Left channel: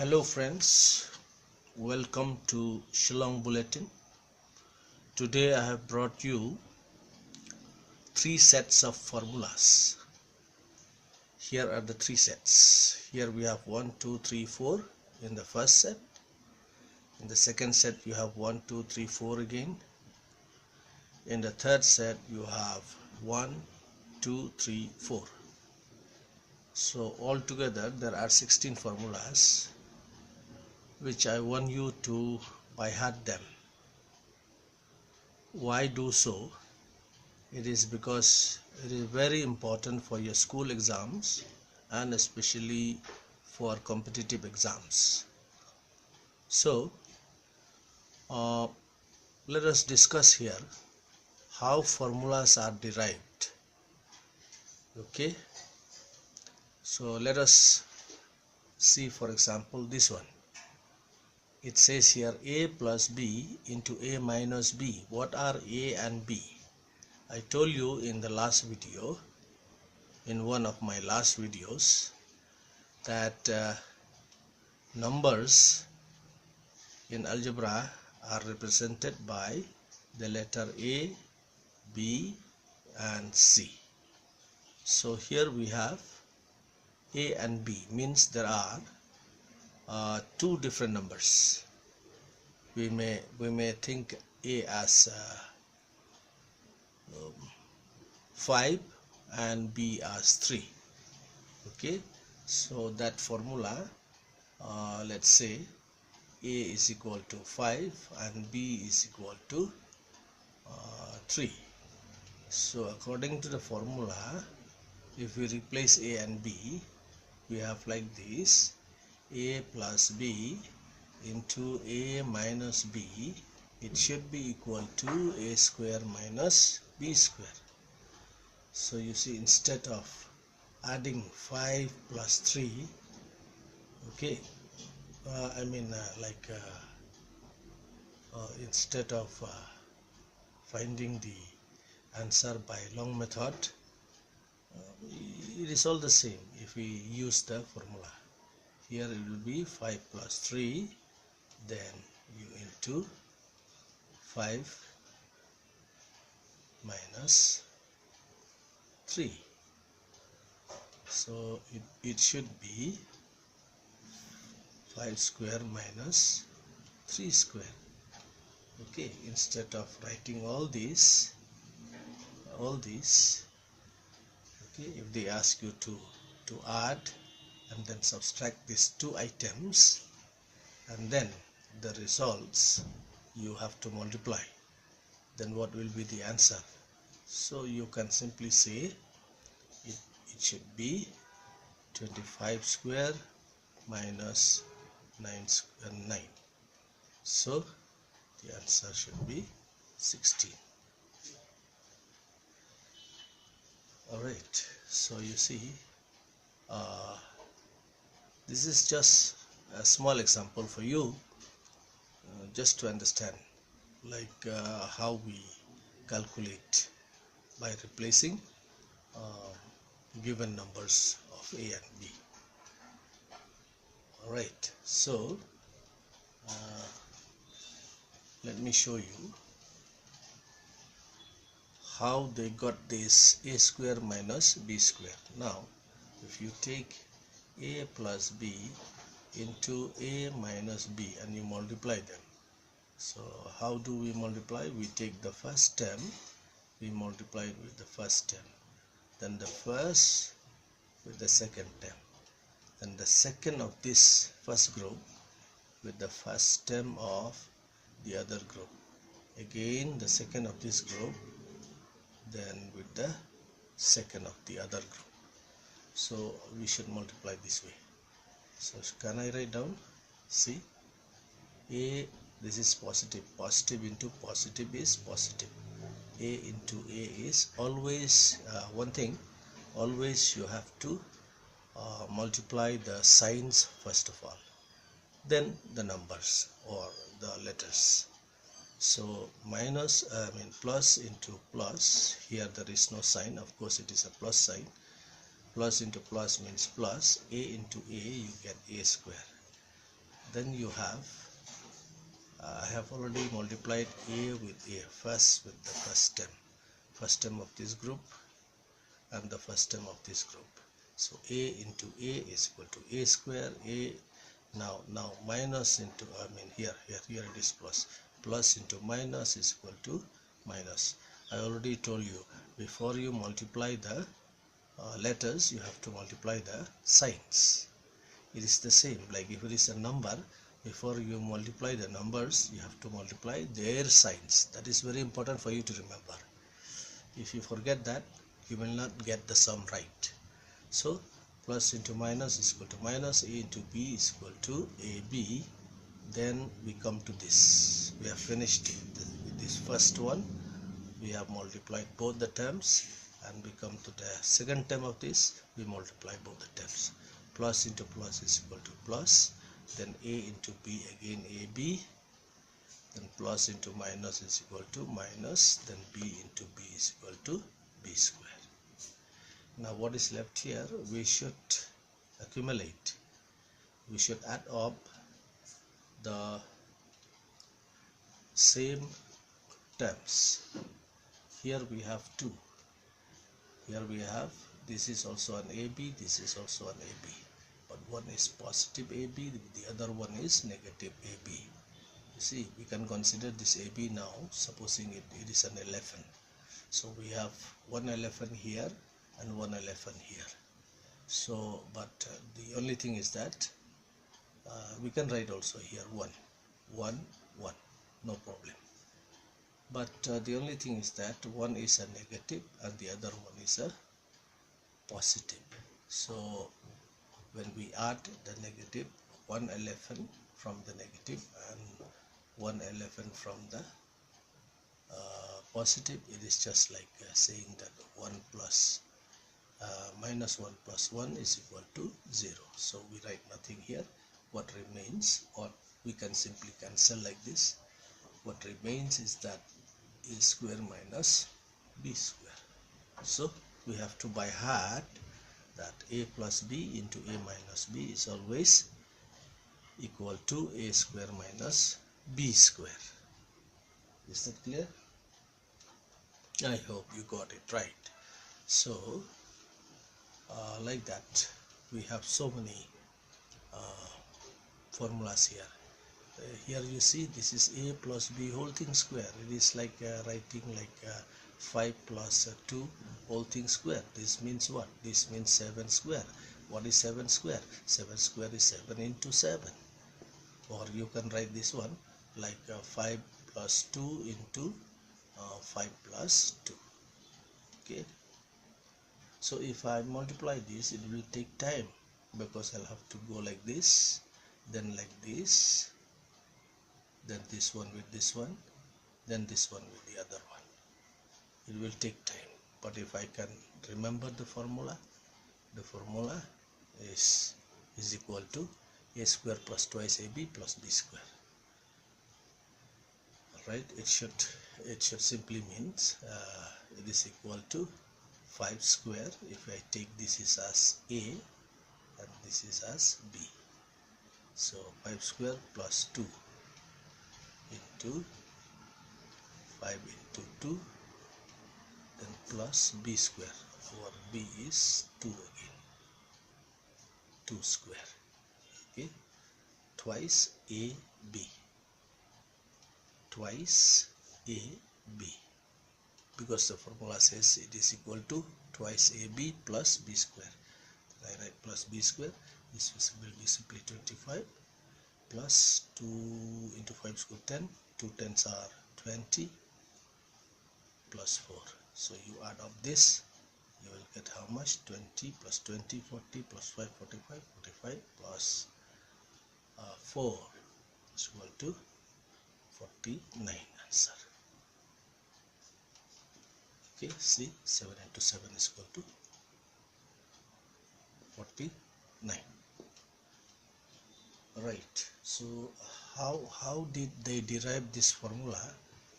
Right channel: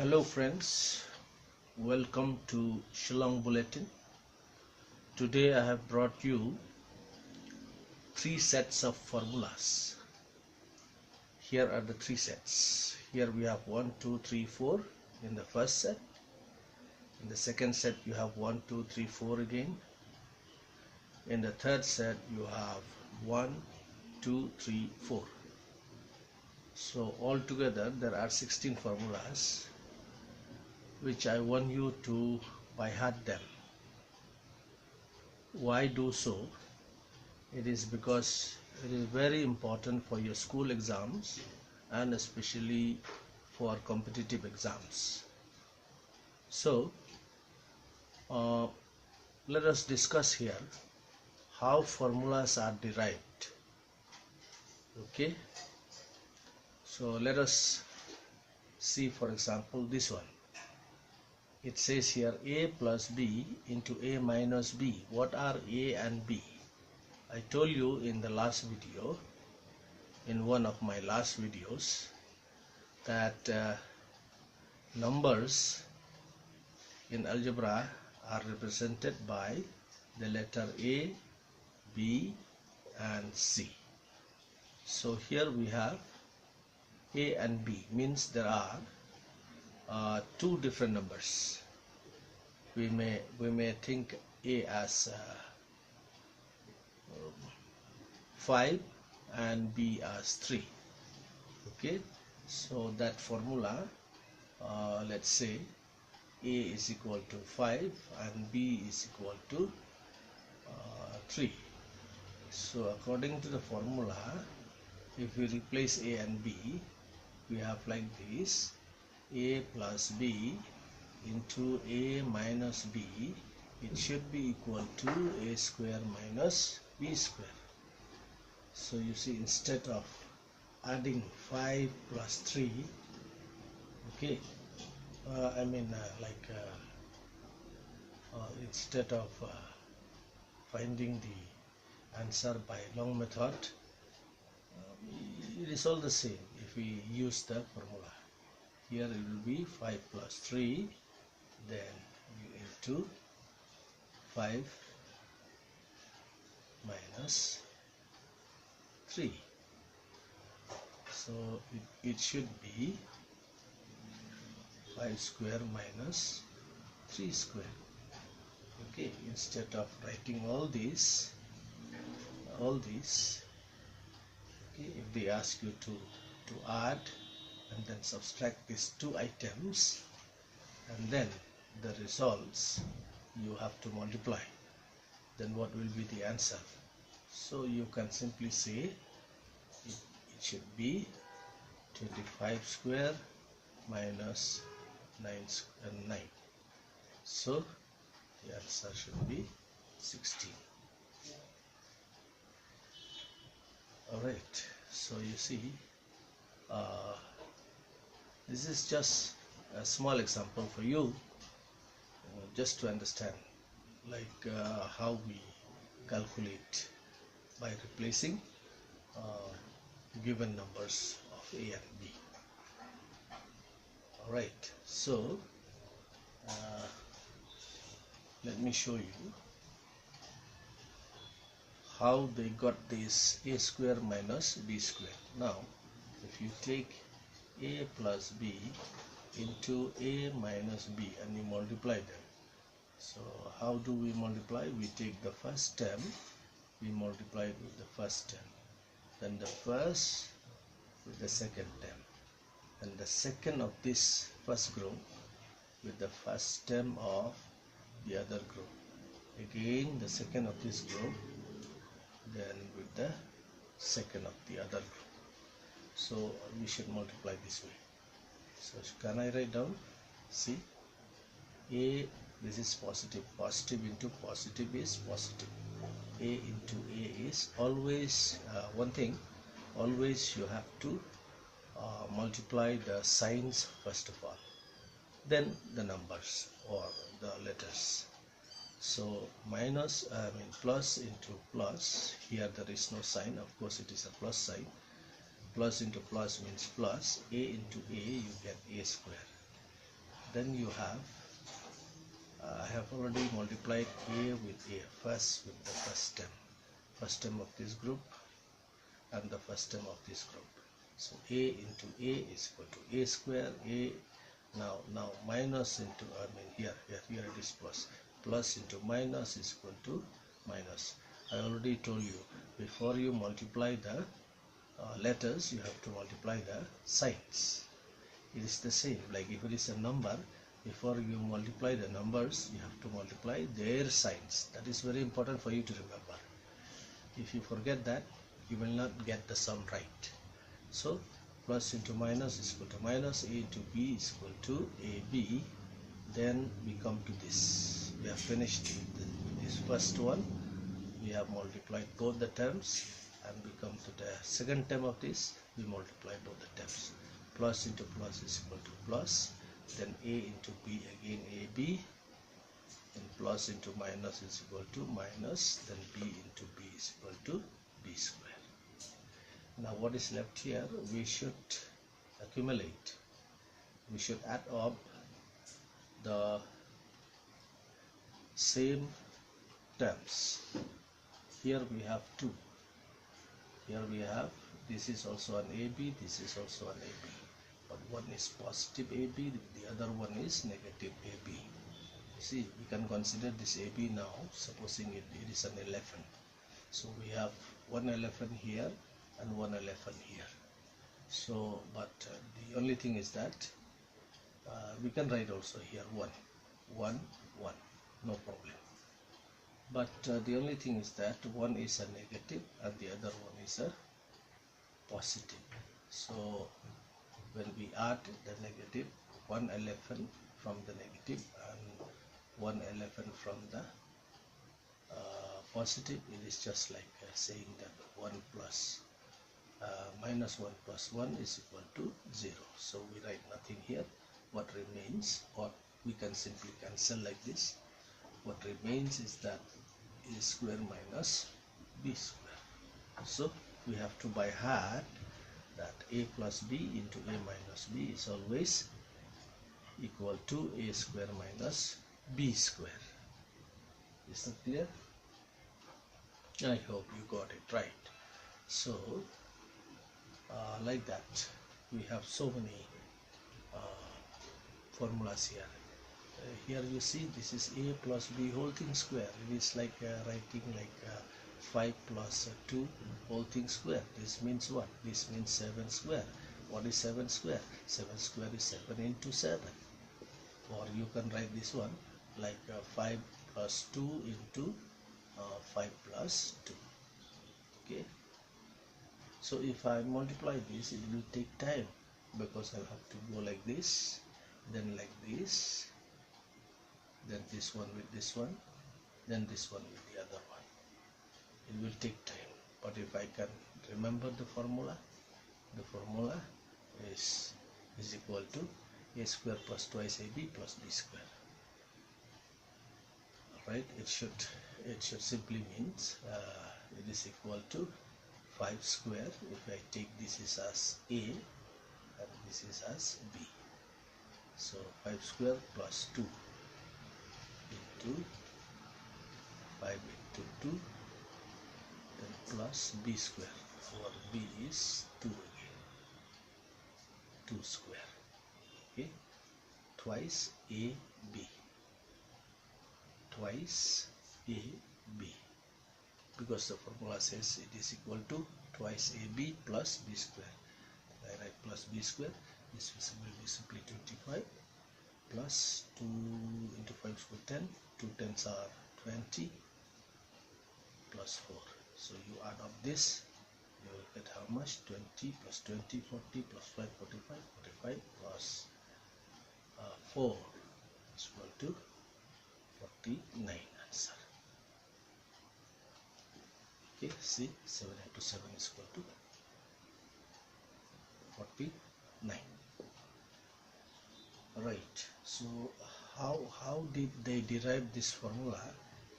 Hello friends, welcome to Shillong Bulletin. Today I have brought you 3 sets of formulas. Here are the 3 sets. Here we have 1, 2, 3, 4 in the first set. In the second set you have 1, 2, 3, 4 again. In the third set you have 1, 2, 3, 4. So altogether there are 16 formulas, which I want you to by heart them. Why do so? It is because it is very important for your school exams and especially for competitive exams. So let us discuss here how formulas are derived. Okay, so let us see, for example, this one. It says here a plus b into a minus b. What are a and b? I told you in the last video, in one of my last videos, that numbers in algebra are represented by the letter A, B and C. So here we have A and B, means there are two different numbers. We may think A as 5 and B as 3. Okay, so that formula, let's say A is equal to 5 and B is equal to 3. So according to the formula, if we replace A and B, we have like this: A plus B into A minus B, it should be equal to A square minus B square. So you see, instead of adding 5 plus 3, okay, instead of finding the answer by long method, it is all the same if we use the formula. Here it will be 5 plus 3, then you into 5 minus 3. So it should be 5 square minus 3 square. Okay, instead of writing all these, okay, if they ask you to add and then subtract these two items, and then the results you have to multiply, then what will be the answer? So you can simply say it should be 25 square minus 9. So the answer should be 16. Alright, so you see, this is just a small example for you, just to understand how we calculate by replacing given numbers of A and B. Alright, so let me show you how they got this A square minus B square. Now if you take A plus B into A minus B and you multiply them, so how do we multiply? We take the first term, we multiply it with the first term, then the first with the second term, and the second of this first group with the first term of the other group, again the second of this group, then with the second of the other group. So we should multiply this way. So can I write down? See, A, this is positive, positive into positive is positive. A into A is always one thing, always you have to multiply the signs first of all, then the numbers or the letters. So plus into plus, here there is no sign, of course it is a plus sign. Plus into plus means plus, A into A you get A square. then you have I have already multiplied a with a, first with the first term of this group and the first term of this group. So a into a is equal to a square. A now minus into here it is plus into minus is equal to minus. I already told you, before you multiply the letters, you have to multiply the signs. It is the same, like if it is a number, before you multiply the numbers, you have to multiply their signs. That is very important for you to remember. If you forget that, you will not get the sum right. So plus into minus is equal to minus, a into b is equal to ab. Then we come to this. We have finished with this first one. We have multiplied both the terms, and we come to the second term of this. We multiply both the terms. Plus into plus is equal to plus, then a into b, again ab, then plus into minus is equal to minus, then b into b is equal to b square. Now what is left here? We should accumulate, we should add up the same terms. Here we have 2. Here we have, this is also an AB, this is also an AB. But one is positive AB, the other one is negative AB. See, we can consider this AB now, supposing it is an 11. So we have one 11 here and one 11 here. So, but the only thing is that we can write also here 1, 1, 1, no problem. But the only thing is that one is a negative and the other one is a positive. So when we add the negative, 111 from the negative and 111 from the positive, it is just like saying that 1 plus minus 1 plus 1 is equal to 0. So we write nothing here. What remains, or we can simply cancel like this. What remains is that a square minus b square. So we have to by heart that a plus b into a minus b is always equal to a square minus b square. Is that clear? I hope you got it right. So like that, we have so many formulas here. Here you see, this is a plus b whole thing square. It is like writing like 5 plus 2 whole thing square. This means what? This means 7 square. What is 7 square? 7 square is 7 into 7. Or you can write this one like 5 plus 2 into 5 plus 2. Okay. So if I multiply this, it will take time, because I'll have to go like this, then like this, then this one with this one, then this one with the other one. It will take time. But if I can remember the formula is equal to a square plus twice ab plus b square. Alright, it should simply means it is equal to 5 square if I take this is as a and this is as b. So 5 square plus 2 into 5 into 2, then plus b square. Our b is 2 again, 2 square. Okay, twice a b, twice a b, because the formula says it is equal to twice ab plus b square. I write plus b square. This will be simply 25 plus 2 into 5 is equal to 10. 2 tens are 20 plus 4. So you add up this, you will get how much? 20 plus 20, 40 plus 5, 45, 45 plus 4 is equal to 49 answer. Okay, see, 7 into 7 is equal to 49. Right, so how did they derive this formula?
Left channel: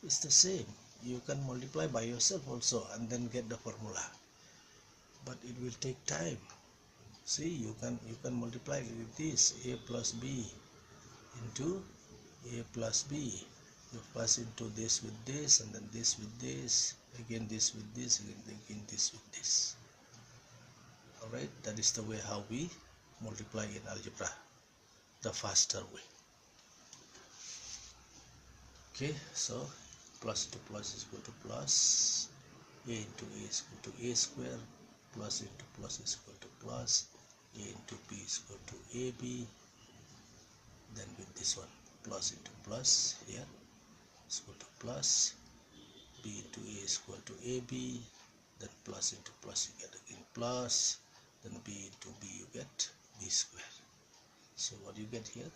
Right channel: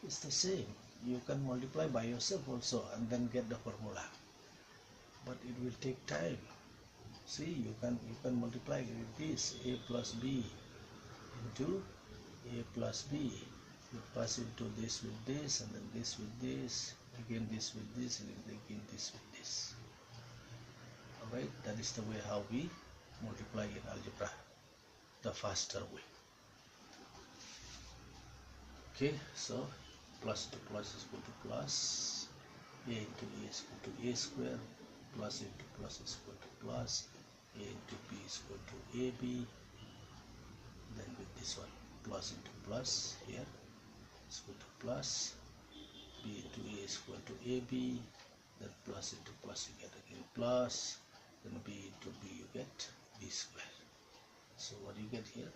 It's the same. You can multiply by yourself also and then get the formula, but it will take time. See, you can multiply with this a plus b into a plus b. You pass into this with this, and then this with this, again this with this, and again this with this. Alright, that is the way how we multiply in algebra, the faster way. Okay, so plus into plus is equal to plus, a into a is equal to a square, plus into plus is equal to plus, a into b is equal to ab, then with this one, plus into plus here is equal to plus, b into a is equal to ab, then plus into plus you get again plus, then b into b you get b square. So what you get here,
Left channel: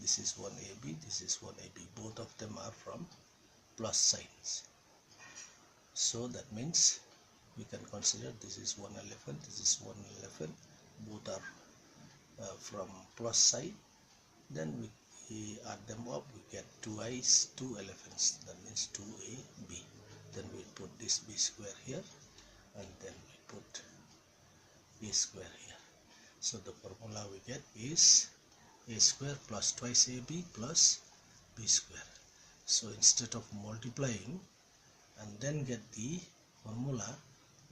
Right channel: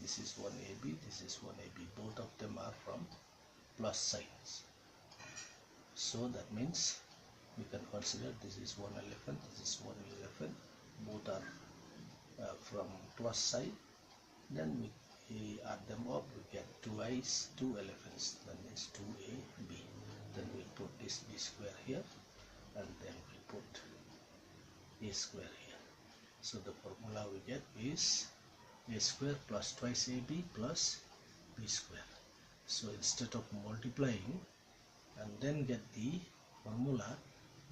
this is 1ab, this is 1ab, both of them are from plus signs. So that means we can consider this is 111, this is 111, both are from plus side. Then we add them up, we get 2i's, 2 11s, that means 2ab. Then we put this b square here, and then we put a square here. So the formula we get is a square plus twice ab plus b square. So instead of multiplying and then get the formula,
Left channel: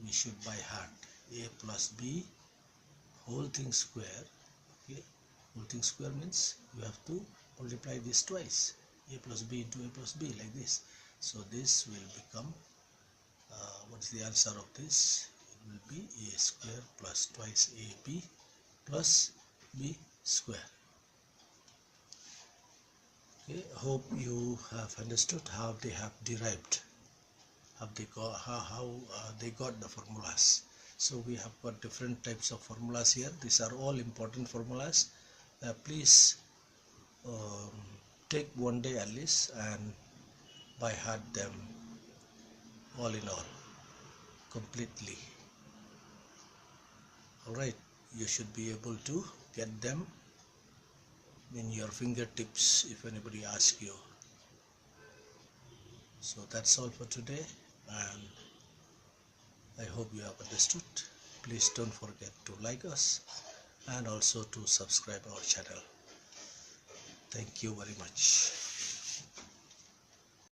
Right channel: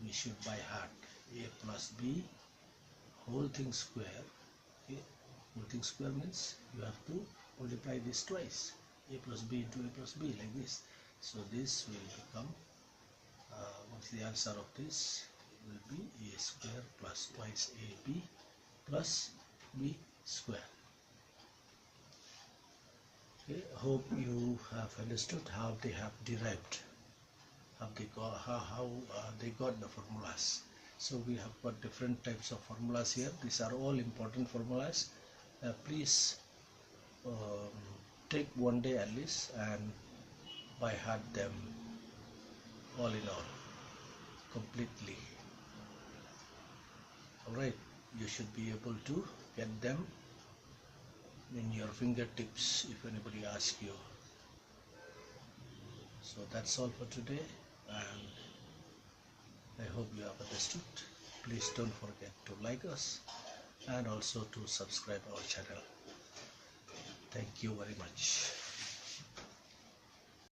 we should by heart a plus b whole thing square. Okay, whole thing square means you have to multiply this twice, a plus b into a plus b, like this. So this will become what's the answer of this? It will be a square plus twice ab plus b square. Okay, hope you have understood how they have derived, how they got the formulas. So we have got different types of formulas here. These are all important formulas. Please take one day at least and by heart them all in all, completely. Alright, you should be able to get them in your fingertips if anybody asks you. So that's all for today, and I hope you have understood. Please don't forget to like us and also to subscribe our channel. Thank you very much.